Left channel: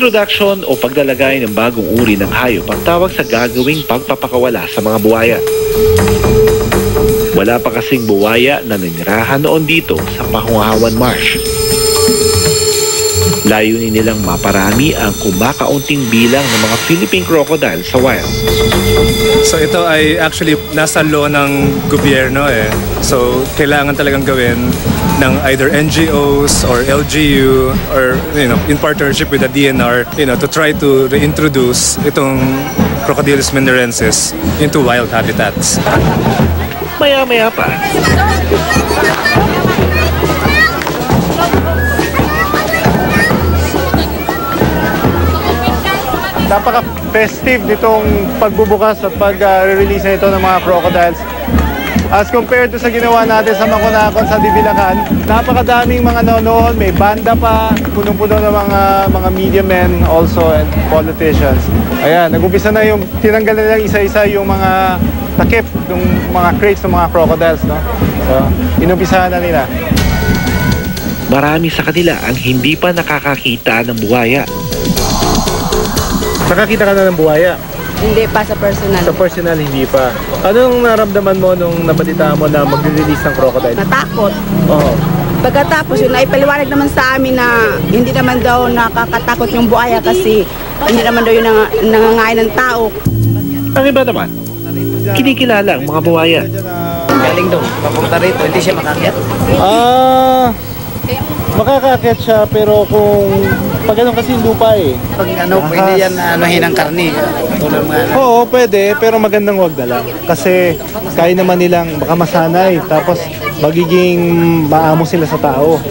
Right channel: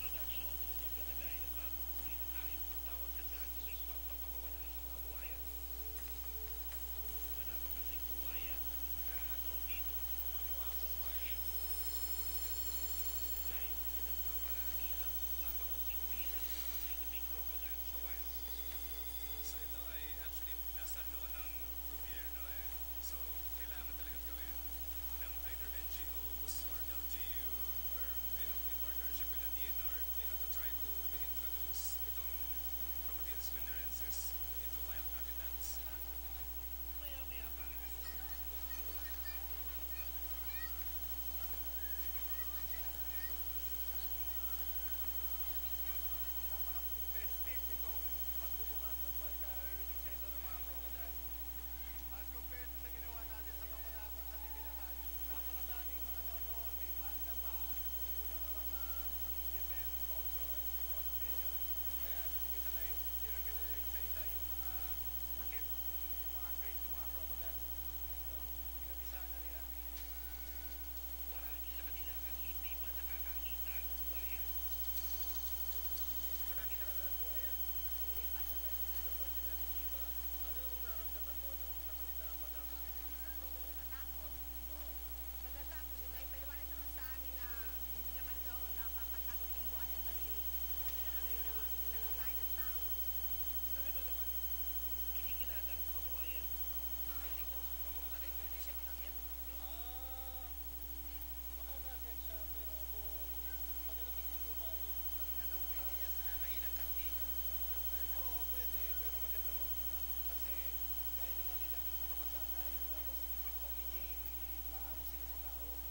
Introduction o paglalagay ng bagong uri ng hayop ang tawag sa gagawing pagpapakawala sa mga buwaya. Wala pa kasing buwaya na nanirahan noon dito sa Pahungawan Marsh. Layunin nilang maparami ang kumakaunting bilang ng mga Philippine crocodile sa wild. So ito ay actually nasa law ng gobyerno eh. So kailangan talagang gawin ng either NGOs or LGU or in partnership with the DNR to try to reintroduce itong Crocodylus mindorensis into wild habitats. Maya-maya pa. Napaka-festive nitong pagbubukas at pag-release nito ng mga crocodiles. As compared to sa ginawa natin sa Makunakon sa Divilacan, napakadaming mga noon, may banda pa, punong-puno ng mga media men also and politicians. Ayan, nag-umpisa na yung tinanggal na lang isa-isa yung mga takip, yung mga crates ng mga crocodiles, no? So, inumpisahan na nila. Marami sa kanila ang hindi pa nakakakita ng buwaya. Nakakita ka na ng buwaya? Hindi pa sa personal. Sa personal, hindi pa. Anong naramdaman mo nung nabalita mo na magre-release ng crocodile? Natakot. Oo. Pagkatapos yun, ay paliwanag naman sa amin na hindi naman daw nakakatakot yung buhaya kasi hindi naman daw yung nangangain ng tao. Ang iba naman, kinikilala ang mga buwaya. Galing daw, papunta rito, hindi siya makakyat. Makakakit siya pero kung pag ganun kasi lupa eh. Pag pwede yan anuhin ang karni. Tulad mga Oo, pwede pero magandang wag na lang. Kasi kaya naman nilang baka masanay tapos magiging maamo sila sa tao.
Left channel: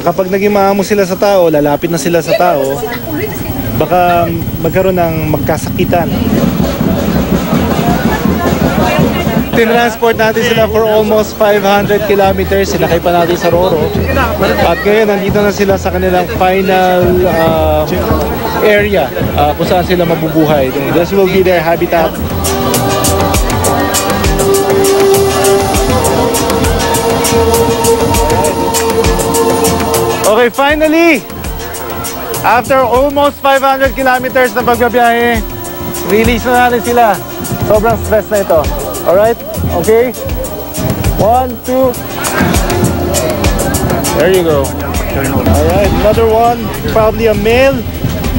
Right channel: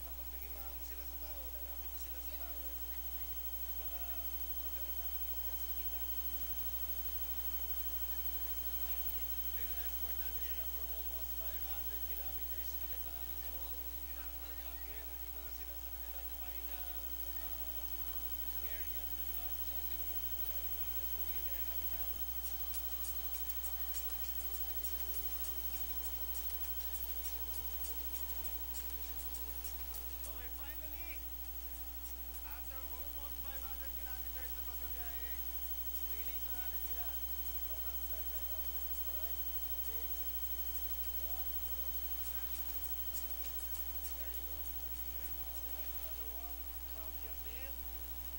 Kapag naging maamo sila sa tao, lalapit na sila sa tao, baka magkaroon ng magkasakitan. Tinransport natin sila for almost 500 kilometers. Sinakay pa natin sa Roro. At ngayon, nandito na sila sa kanilang final area kung saan sila mabubuhay. This will be their habitat. Okay, finally, after almost 500 kilometers na pagbabiyahe, release na natin sila. Sobrang stress na ito. Alright? Okay? 1, 2. There you go. Alright, another one. Probably a male.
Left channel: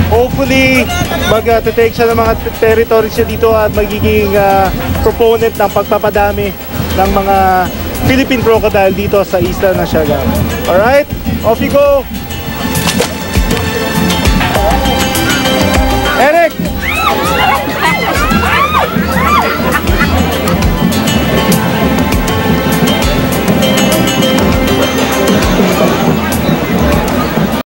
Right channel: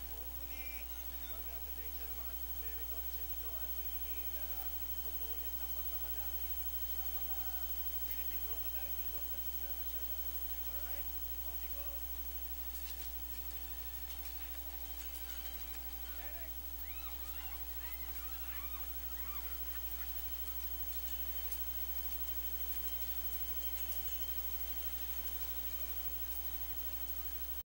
Hopefully, mag-take siya ng mga territory siya dito at magiging proponent ng pagpapadami ng mga Philippine crocodile dito sa isla ng Siargao. Alright? Off you go!